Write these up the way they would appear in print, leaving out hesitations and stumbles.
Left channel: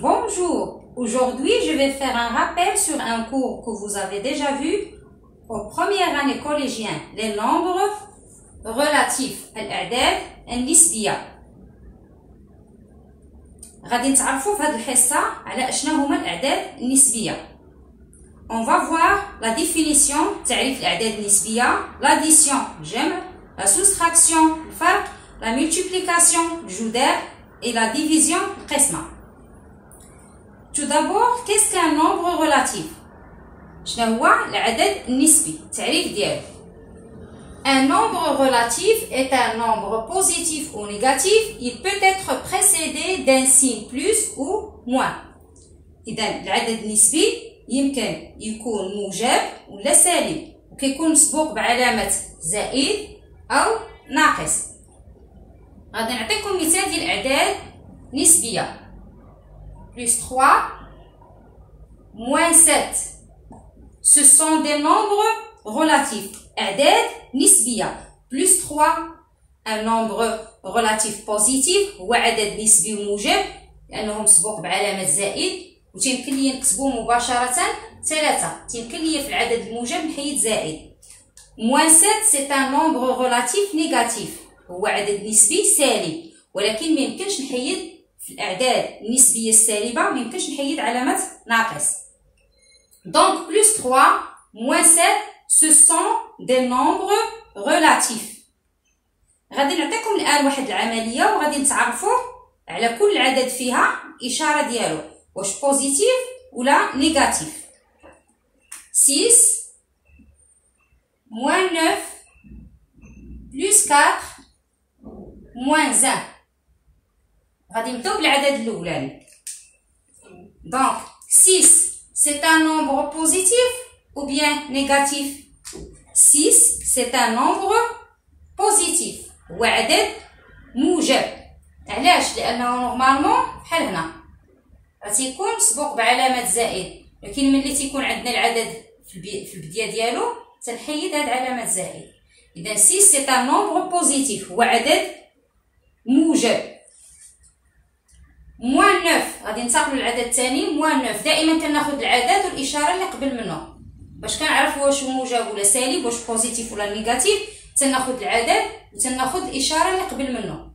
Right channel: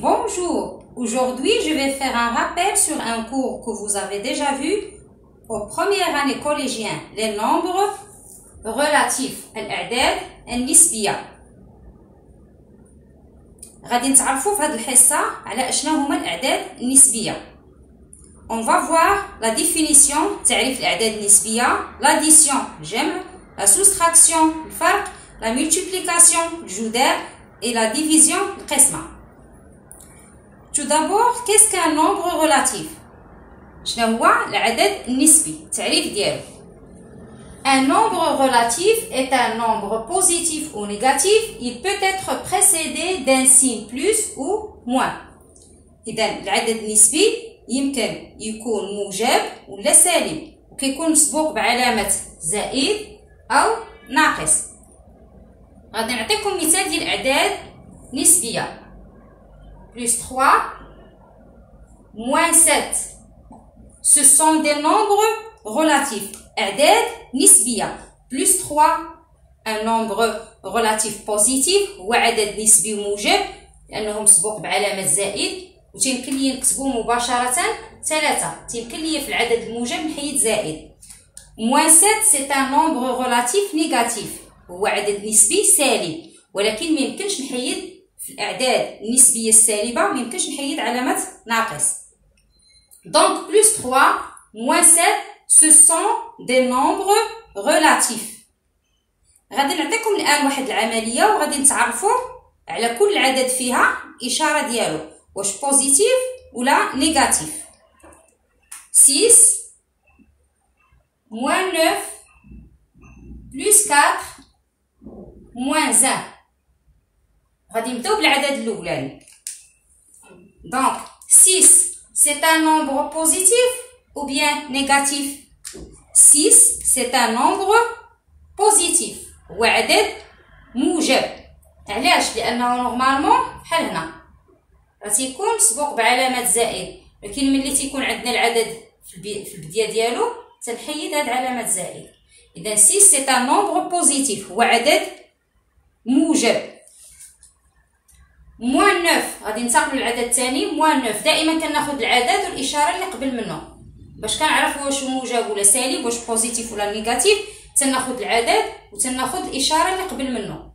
Bonjour, aujourd'hui je vais faire un rappel sur un cours que vous avez déjà vu aux premières années collégiennes, les nombres relatifs, الأعداد النسبية. غادي نتعرفوا في هذه الحصة على اشنا هما الأعداد النسبية. On va voir la définition تعريف الأعداد النسبية, l'addition الجمع, la soustraction الفرق, la multiplication الجذر et la division القسمة. Tout d'abord, qu'est-ce qu'un nombre relatif? شنو هو العدد النسبي؟ التعريف ديالو. Un nombre relatif est un nombre positif ou négatif. Il peut être précédé d'un signe plus ou moins. إذا العدد النسبي يمكن يكون موجب ولا سالب، وكيكون مسبوق بعلامة زائد أو ناقص. غادي نعطيكم مثال ديال الأعداد نسبية. Plus 3, moins 7. Ce sont des nombres relatifs. أعداد نسبية. Plus 3, un nombre relatif positif هو عدد نسبي موجب لأنه مسبوق بعلامة زائد، وتيمكن لي نكتبو مباشرة 3. تيمكن لي في العدد الموجب نحيد زائد. Moins 7 c'est un nombre relatif négatif. هو عدد نسبي سالب، ولكن ما يمكنش نحيد في الأعداد النسبية السالبة، ما يمكنش نحيد علامة ناقص. Donc plus 3, moins 7, ce sont des nombres relatifs. غادي نعطيكم الآن واحد العملية وغادي نتعرفوا على كل عدد فيها إشارة ديالو، واش بوزيتيف ولا نيجاتيف. 6 moins 9 plus 4 moins 1. غادي نبداو بالعدد الاولاني. Donc 6 c'est un nombre positif ou bien négatif? 6 c'est un nombre positif. هو عدد موجب. علاش؟ لانه نورمالمون بحال هنا غتيكون مسبوق بعلامه زائد، لكن ملي تيكون عندنا العدد في البدايه ديالو تنحيد هاد علامه زائد. اذا 6 c'est un nombre positif. هو عدد موجب. موان 9 غادي ننتقلوا للعدد الثاني. موان 9 دائما كناخذ العدد والاشاره اللي قبل منه باش كنعرفوا واش موجب ولا سالب، واش بوزيتيف ولا نيجاتيف. تناخذ العدد وتناخذ الاشاره اللي قبل منه.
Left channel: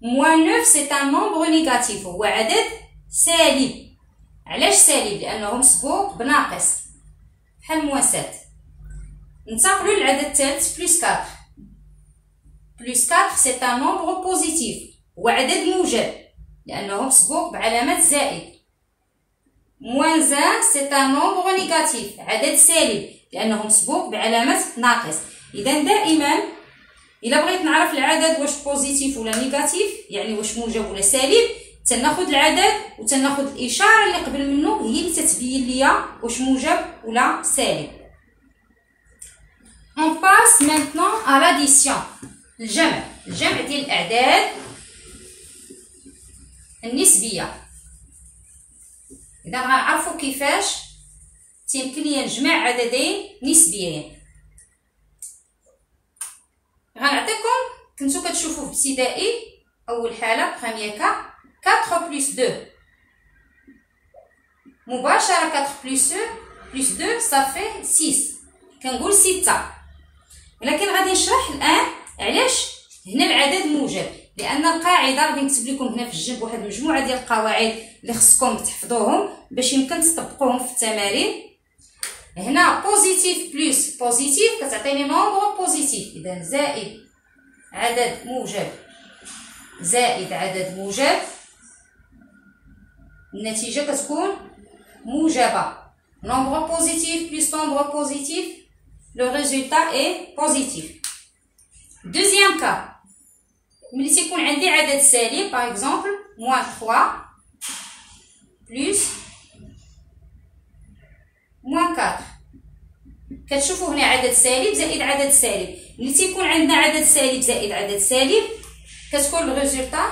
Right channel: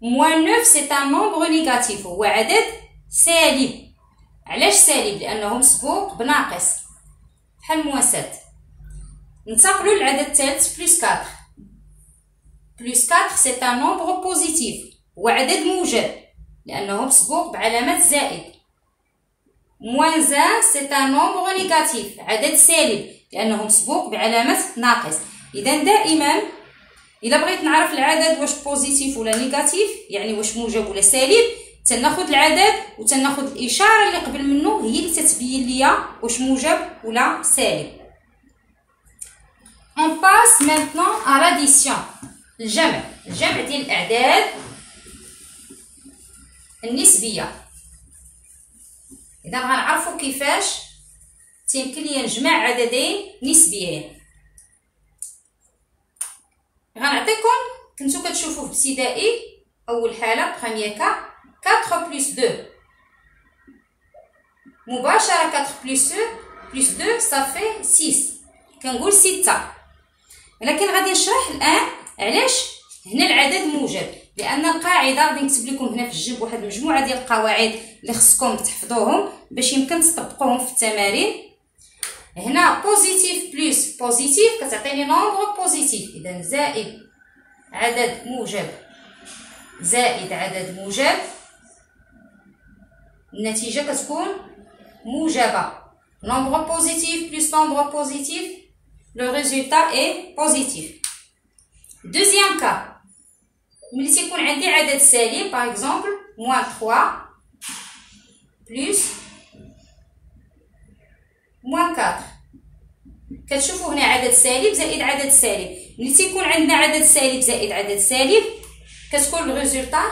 موان 9 c'est un nombre négatif. هو عدد سالب. علاش سالب؟ لانه مسبوق بناقص بحال موان 7. ننتقلوا للعدد الثالث. بلس 4. بلس 4 c'est un nombre positif. هو عدد موجب لأنه مسبوق بعلامة زائد. moins 1 c'est un nombre négatif. عدد سالب لأنه مسبوق بعلامة ناقص. إذا دائما إلا بغيت نعرف العدد واش بوزيتيف ولا نيجاتيف، يعني واش موجب ولا سالب، تناخذ العدد وتناخذ الإشارة اللي قبل منه هي اللي تتبين ليا واش موجب ولا سالب. On passe maintenant à l'addition. الجمع ديال الأعداد النسبية. إذا غنعرفوا كيفاش تيمكن لي نجمع عددين نسبيين. غنعطيكم كنتو كتشوفوا في ابتدائي أول حالة بخامية كا 4 plus 2 مباشرة. 4 plus 2 صافي 6، كنقول 6. ولكن غادي نشرح الآن علاش هنا العدد موجب، لأن القاعدة غادي نكتب لكم هنا في الجنب واحد المجموعة ديال القواعد اللي خصكم تحفظوهم باش يمكن تطبقوهم في التمارين. هنا بوزيتيف بلس بوزيتيف كتعطيني نومبر بوزيتيف. إذا زائد عدد موجب زائد عدد موجب، النتيجة كتكون موجبة. نومبر بوزيتيف بلس نومبر بوزيتيف، le résultat est positif. Deuxième cas. ملي تيكون عندي عدد سالب par exemple moins 3 plus moins 4. كتشوفوا هنا عدد سالب زائد عدد سالب. ملي تيكون عندنا عدد سالب زائد عدد سالب كتكون الريزولطا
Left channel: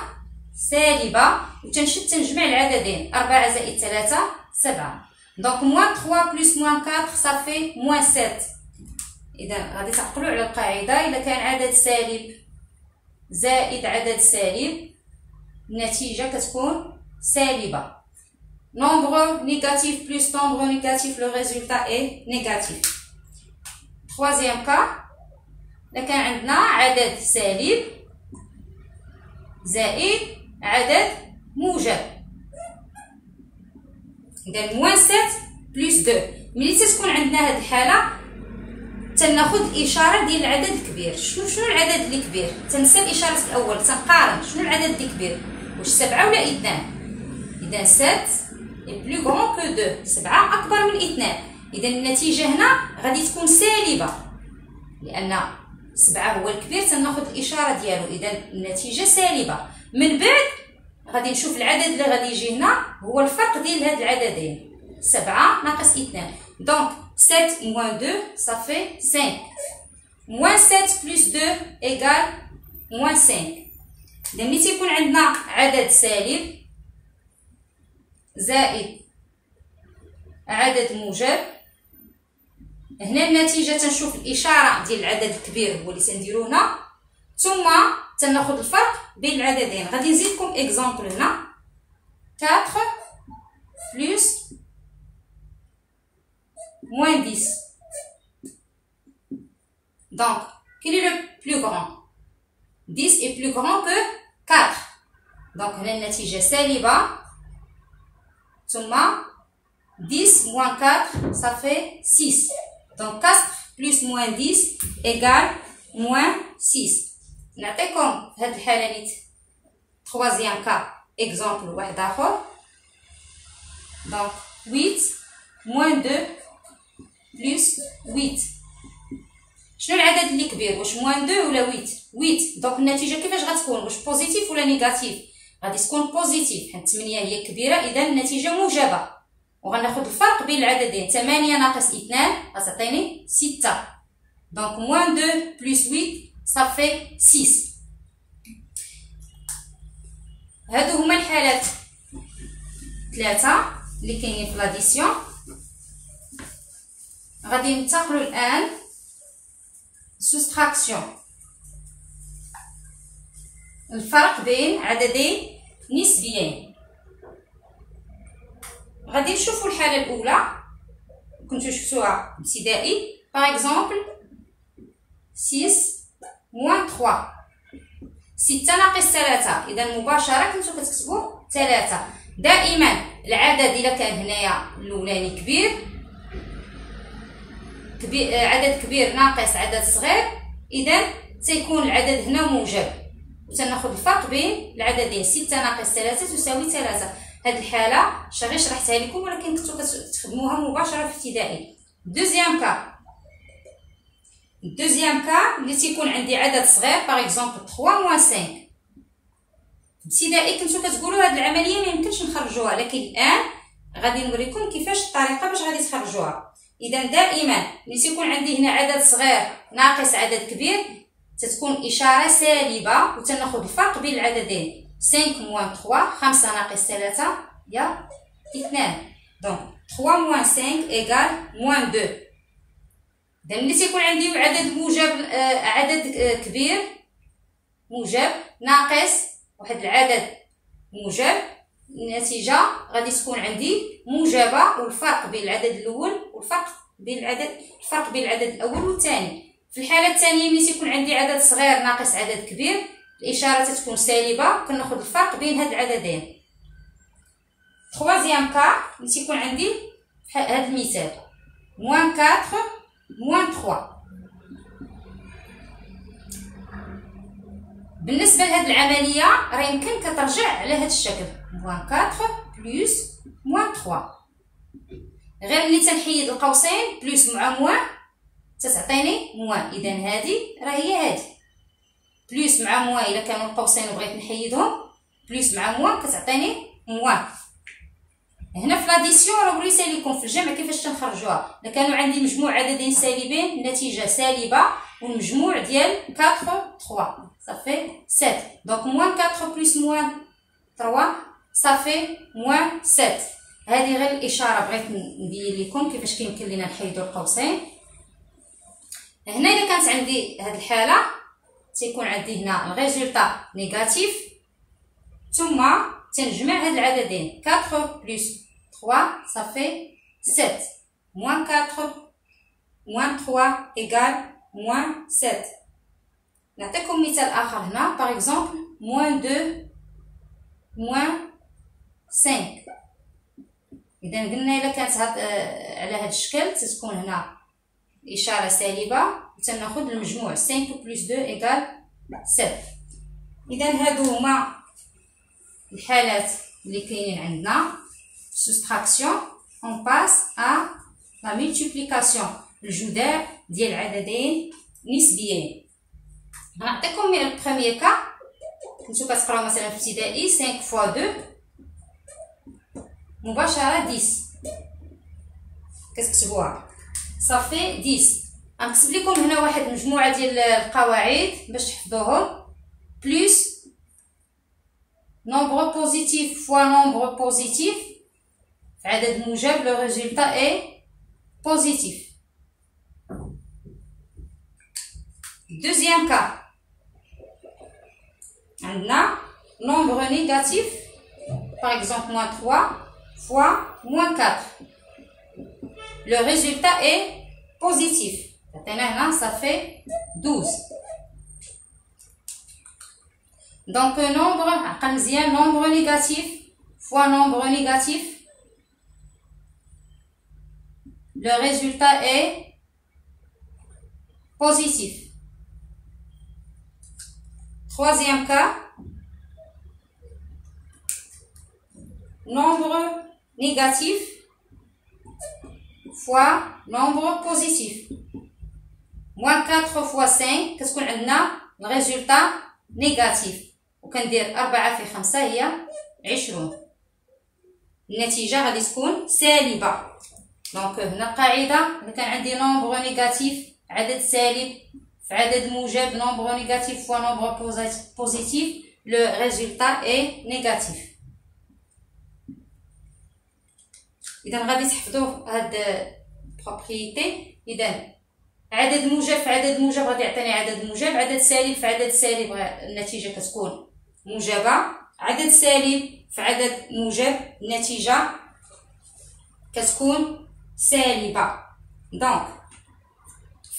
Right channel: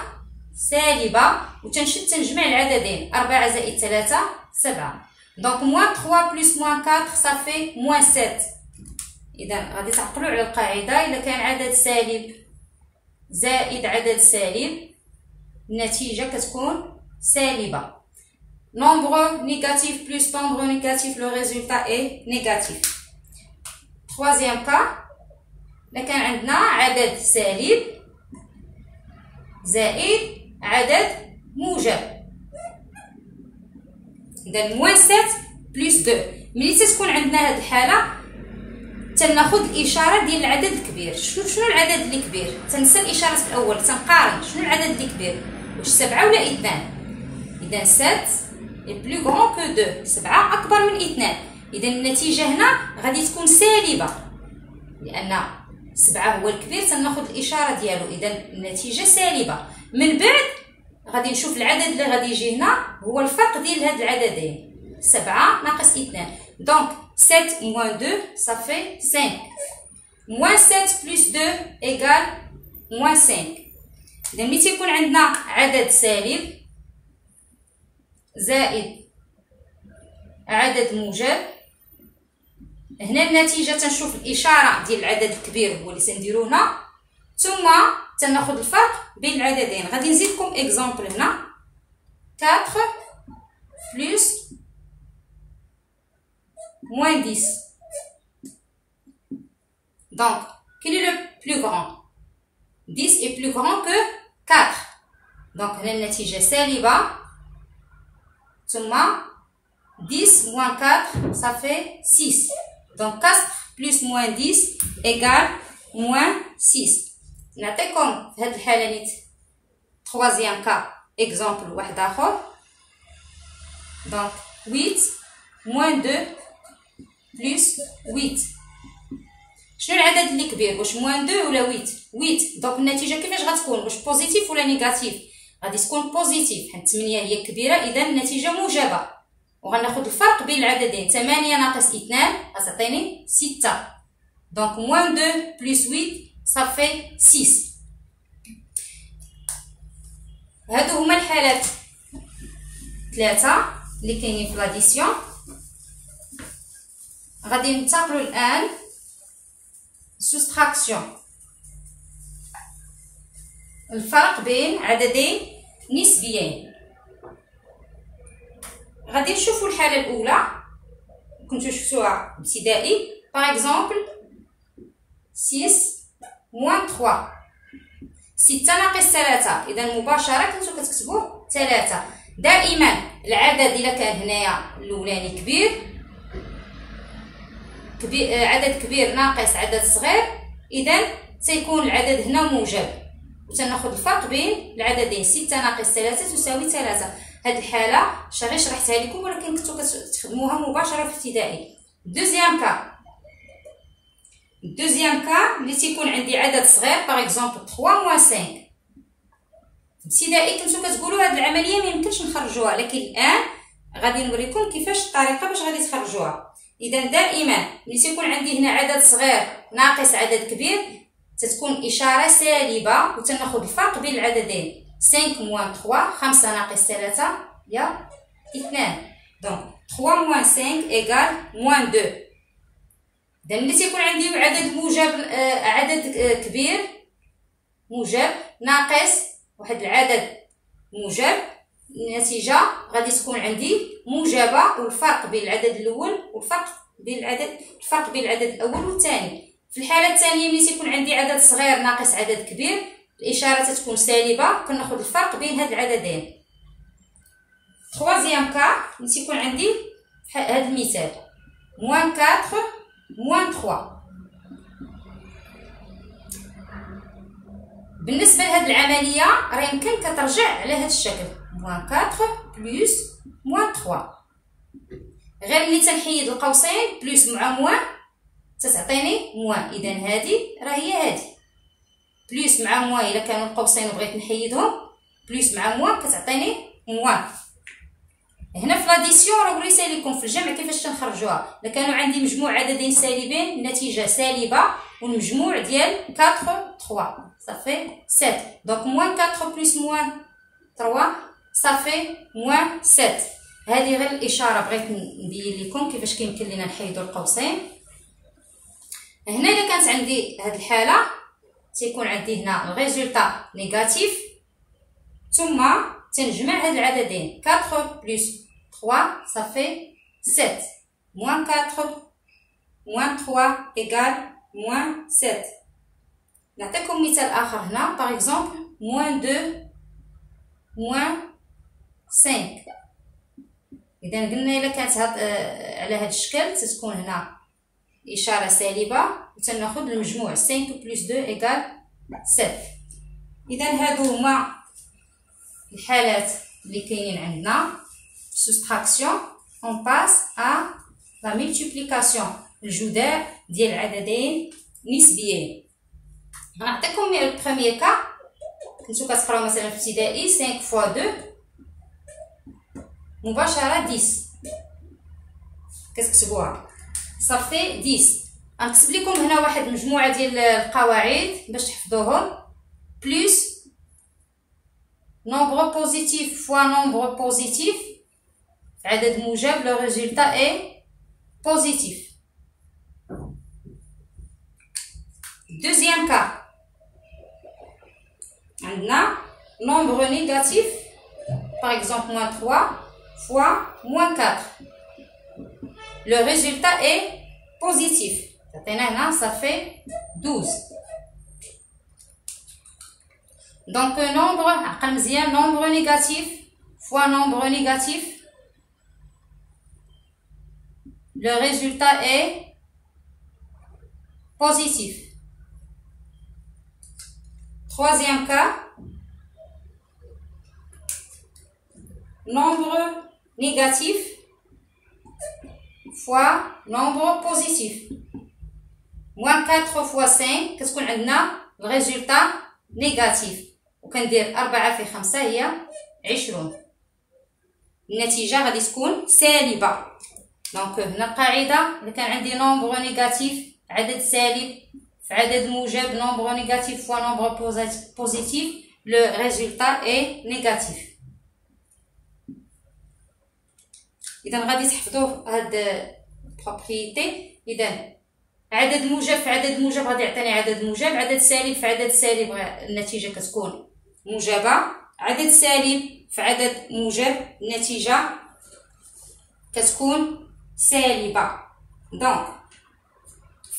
سالبه، وتنشد تنجمع العددين. 4 زائد 3 7. دونك moins 3 plus moins 4 صافي moins 7. اذا غادي تعقلوا على القاعده. الا كان عدد سالب زائد عدد سالب النتيجة كتكون سالبة. Nombre négatif plus nombre négatif, le résultat est négatif. Troisième cas, لكن عندنا عدد سالب زائد عدد موجب. إذا موان 7 بلس 2. ملي تتكون عندنا هاد الحالة تناخد الإشارة ديال العدد الكبير. شنو العدد اللي كبير؟ تنسى الإشارة الأول، تنقارن شنو العدد اللي كبير، واش 7 ولا 2. إذا 7 est plus grand que 2. 7 أكبر من 2. إذا النتيجة هنا غادي تكون سالبة، لأن 7 هو الكبير تناخد الإشارة ديالو، إذا النتيجة سالبة. من بعد غادي نشوف العدد اللي غادي يجي هنا هو الفرق ديال هاد العددين، 7 ناقص 2. دونك 7 moins 2 ça fait 5. moins 7 plus 2 égale moins 5. إذا ملي تيكون عندنا عدد سالب زائد عدد موجب، هنا النتيجة تنشوف الإشارة ديال العدد الكبير هو اللي تنديرو هنا، ثم تناخد الفرق بين العددين. غادي نزيدكم اكزامبل هنا 4 بلس moins 10. Donc, quel est le plus grand? 10 est plus grand que 4. Donc, هنا النتيجة سالبة، ثم 10 moins 4 ça fait 6. Donc 4 plus moins 10 égale moins 6. نعطيكم في هاد الحالة نيت troisième cas exemple واحد آخر. Donc 8 moins 2 plus 8. شنو العدد اللي كبير؟ واش moins 2 ولا 8؟ 8. دونك النتيجة كيفاش غتكون؟ واش بوزيتيف ولا نيجاتيف؟ غادي تكون بوزيتيف، حيت 8 هي كبيرة، إذا النتيجة موجبة. وغناخد الفرق بين العددين، 8 ناقص 2 غتعطيني 6. دونك moins 2 plus 8 ça fait 6. هادو هما الحالات 3 اللي كاينين في لاديسيون. غادي ننتقلوا الآن سوستراكسيون، الفرق بين عددين نسبيين. غادي نشوفوا الحالة الأولى كنتو شفتوها ابتدائي. باغ اكزومبل 6 moins 3. 6 ناقص 3، إذا مباشرة كنتو كتكتبوا 3. دائما العدد إلا كان هنايا الأولاني كبير، عدد كبير ناقص عدد صغير، إذا سيكون العدد هنا موجب، وتناخد الفرق بين العددين. 6 ناقص 3 تساوي 3. هاد الحالة غير شرحتها لكم، ولكن كنتو كتخدموها مباشرة في ابتدائي. دوزيام كا، الدوزيام كا اللي تيكون عندي عدد صغير باغ اكزومبل 3 موان 5. في ابتدائي كنتو كتقولوا هاد العملية ميمكنش نخرجوها، لكن الآن غادي نوريكم كيفاش الطريقة باش غادي تخرجوها. إذا دائما ملي تيكون عندي هنا عدد صغير ناقص عدد كبير تتكون إشارة سالبة، وتناخد الفرق بين العددين. 5 موان 3، 5 ناقص 3 هي 2. دونك 3 موان 5 إيكال موان 2. إذا ملي تيكون عندي عدد موجب، عدد كبير موجب ناقص واحد العدد موجب، النتيجة غادي تكون عندي موجبة، والفرق بين العدد الأول والفرق بين العدد الأول والثاني. في الحالة الثانية ملي تيكون عندي عدد صغير ناقص عدد كبير الإشارة تتكون سالبة، كناخد الفرق بين هاد العددين. troisième cas ملي تيكون عندي هاد المثال moins 4 moins 3. بالنسبة لهاد العملية راه يمكن كترجع على هاد الشكل moins 4 plus moins 3. غير ملي تنحيد القوسين بلوس مع موان تتعطيني موان. إذا هادي راه هي هادي بلوس مع موان، إلا كانوا القوسين بغيت نحيدهم بلوس مع موان كتعطيني موان. هنا في لاديسيون راه وريت لكم في الجمع كيفاش تنخرجوها. الا كانوا عندي مجموع عددين سالبين النتيجه سالبه، والمجموع ديال 4 3 صافي 7. دونك موان 4 بلس موان 3 صافي موان 7. هذه غير الاشاره بغيت نبين لكم كيفاش كيمكن لينا نحيدوا القوسين. هنا الا كانت عندي هذه الحاله تيكون عندي هنا الريزولطا نيجاتيف، ثم تنجمع هاد العددين 4 plus 3 ça fait 7 moins 4 moins 3 égale moins 7. نعطيكم مثال اخر هنا par exemple moins 2 moins 5. اذا قلنا الا كانت على هذا الشكل تتكون هنا اشاره سالبه وتناخذ المجموع 5 plus 2 égale 7. اذا هادو هما الحالات اللي كاينين عندنا soustraction. on passe à la multiplication الجداء ديال عددين نسبيين. غنعطيكم البروميير كا كنتو كتقراو مثلا في ابتدائي 5 fois 2 مباشره 10 كتكتبوها صافي 10. غنكتب لكم هنا واحد المجموعه ديال القواعد باش تحفظوهم. بلس nombre positif fois nombre positif في عدد موجب لو ريزولتا اي بوزيتيف. دوزيام كا عندنا nombre négatif par exemple moins 3 fois moins 4 le résultat est positif. Maintenant ça fait 12. donc nombre عقل مزيان nombre négatif fois nombre négatif le résultat est positif. Troisième cas, nombre négatif fois nombre positif. moins 4 fois 5 كتكون عندنا الريزولتا نيجاتيف وكندير 4 في 5 هي 20. النتيجة غادي تكون سالبة. دونك هنا القاعدة إلا كان عندي نومبر نيجاتيف عدد سالب في عدد موجب نومبر نيجاتيف فوا نومبر بوزيتيف لو ريزولتا اي نيجاتيف. إذا غادي تحفظوا هاد بروبريتي. إذا عدد موجب في عدد موجب غادي يعطيني عدد موجب، عدد سالب في عدد سالب النتيجة كتكون موجبة، عدد سالب في عدد موجب النتيجة كتكون سالبة. دونك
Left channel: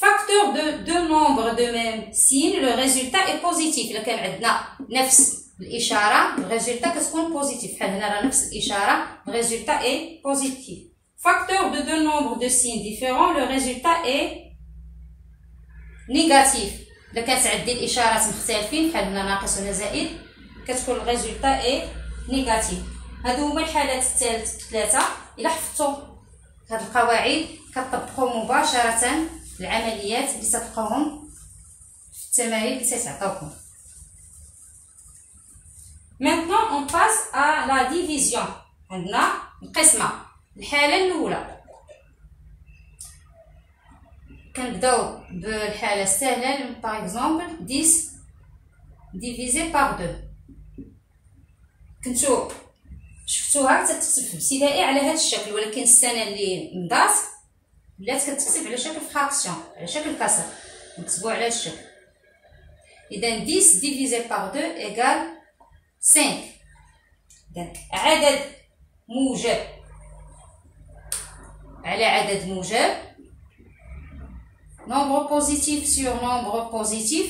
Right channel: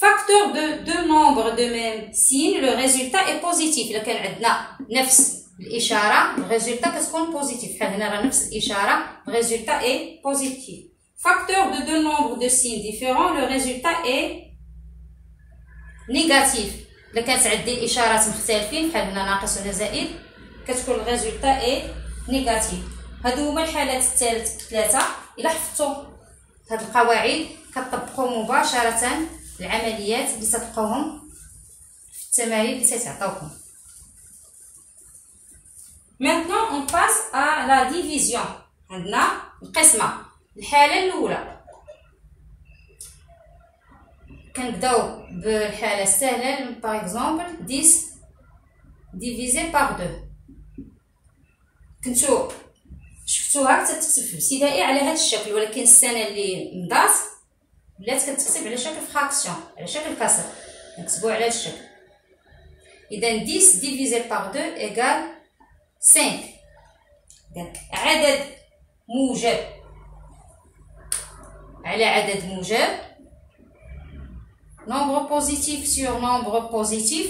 facteur de deux nombres de même signe le résultat est positif. إلا كان عندنا نفس الإشارة الريزولتا كتكون بوزيتيف. بحال هنا راه نفس الإشارة الريزولتا est positif. facteur de deux nombres de signes différents le résultat est négatif. إلا كانت عندي الإشارات مختلفين بحال هنا ناقص ولا زائد كتكون الريزولتا est négatif. هادو هما الحالات الثلاثة. إلا حفظتو هاد القواعد كتطبقوا مباشرة العمليات اللي تلقاوهم في التمارين اللي تيتعطاوكم. Maintenant on passe à la division. عندنا القسمة. الحالة الأولى كنبداو بالحالة السهلة par exemple 10 divisé par 2. كنتو شفتوها كتكتب في ابتدائي على هذا الشكل، ولكن السنة اللي مضات ولات كتكتب على شكل فراكسيون على شكل كسر نكتبوه على هذا الشكل. اذا 10 divisé par 2 égale 5. اذا عدد موجب على عدد موجب nombre positif sur nombre positif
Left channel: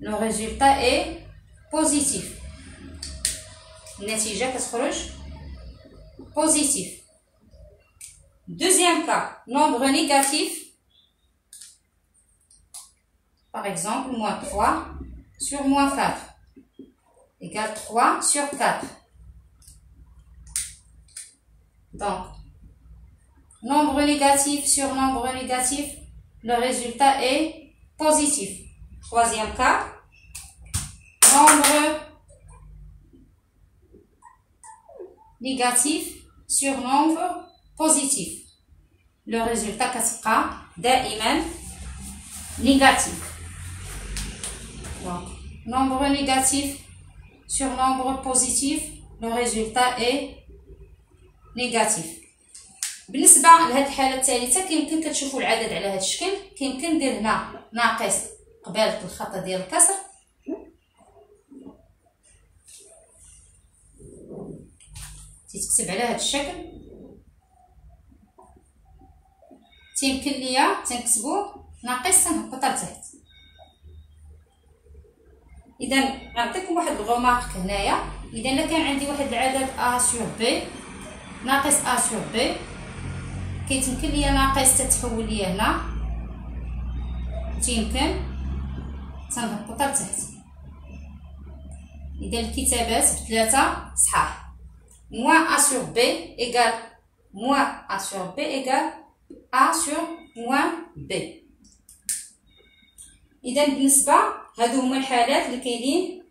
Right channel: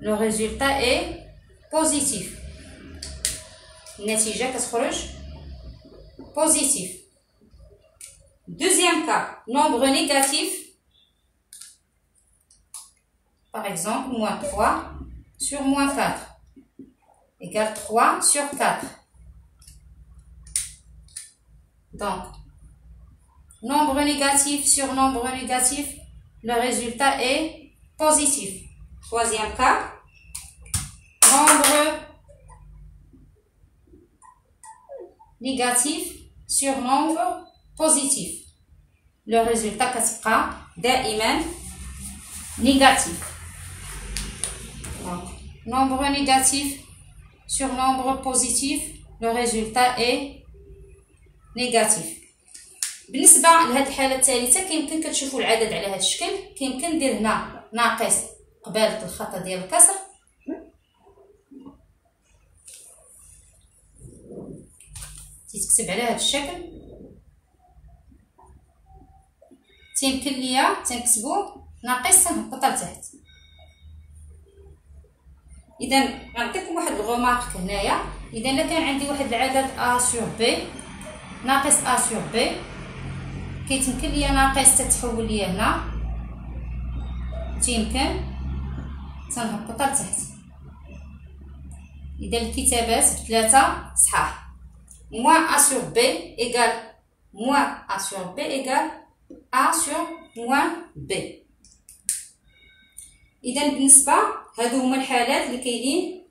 le résultat est positif. النتيجة كتخرج positif. Deuxième cas, nombre négatif, par exemple, moins 3 sur moins 4 égale 3 sur 4. Donc, nombre négatif sur nombre négatif, le résultat est positif. Troisième cas, nombre négatif sur nombre positif. Le résultat كتبقى دائما négatif. Donc, nombre négatif sur nombre positif, le résultat est négatif. بالنسبة لهاد الحالة الثالثة كيمكن كتشوفوا العدد على هاد الشكل، كيمكن ندير هنا ناقص قبالة الخط ديال الكسر تيتكتب على هذا الشكل. تيمكن ليا تنكتبو ناقص تنهبطها لتحت. اذا غنعطيكم واحد الغومارك هنايا. اذا الا كان عندي واحد العدد ا سور بي ناقص ا سور بي، كيتمكن ليا ناقص تتحول ليا هنا، تيمكن تنهبطها لتحت. اذا الكتابات بثلاثه صحاح. موان ا سور بي ايكال موان ا سور بي ايكال ا سور موان بي. اذا بالنسبه هادو هما الحالات اللي كاينين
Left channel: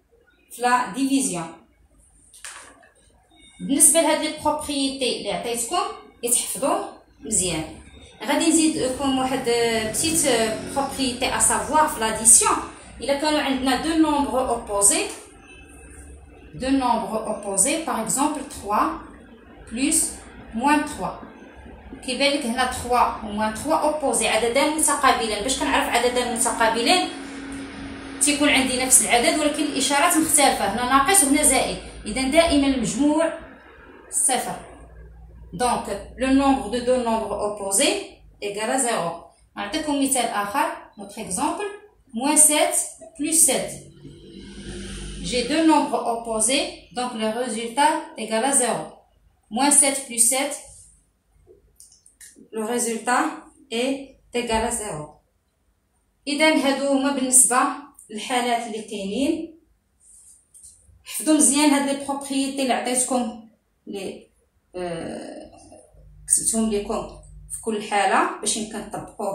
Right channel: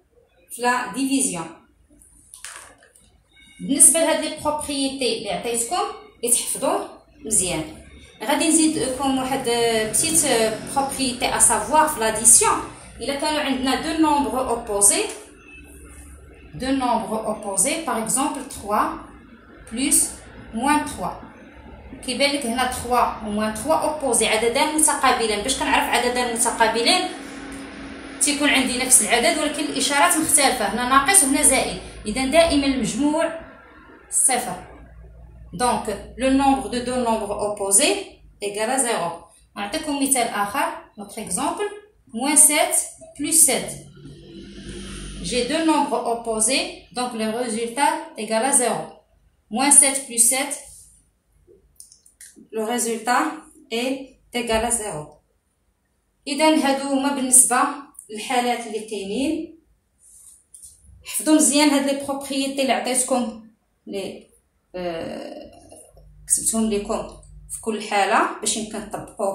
في لا ديفيزيون. بالنسبه لهاد لي بروبريتي اللي عطيتكم يتحفظوا مزيان. غادي نزيد لكم واحد بتيت بروبريتي ا سافوار في لاديسيون. الا كانوا عندنا دو نومبر اوبوزي، دو نومبر اوبوزي باغ اكزومبل 3 بلس موان 3، كيبان لك هنا 3 و موان 3 اوبوزي عددان متقابلين. باش كنعرف عددان متقابلين تيكون عندي نفس العدد ولكن الاشارات مختلفه، هنا ناقص وهنا زائد. اذا دائما المجموع صفر. دونك لو نومبر دو دو نومبر اوبوزي ايكال 0. نعطيكم مثال اخر. نوتر اكزومبل موان 7 بلس 7. J'ai deux nombres opposés, donc le résultat égale à 0. Moins 7 plus 7, le résultat est égal à 0. إذا هادو هما بالنسبة للحالات اللي كاينين. حفظوا مزيان هاد لي بروبريتي اللي عطيتكم، اللي كتبتهم لكم في كل حالة باش يمكن تطبقوهم.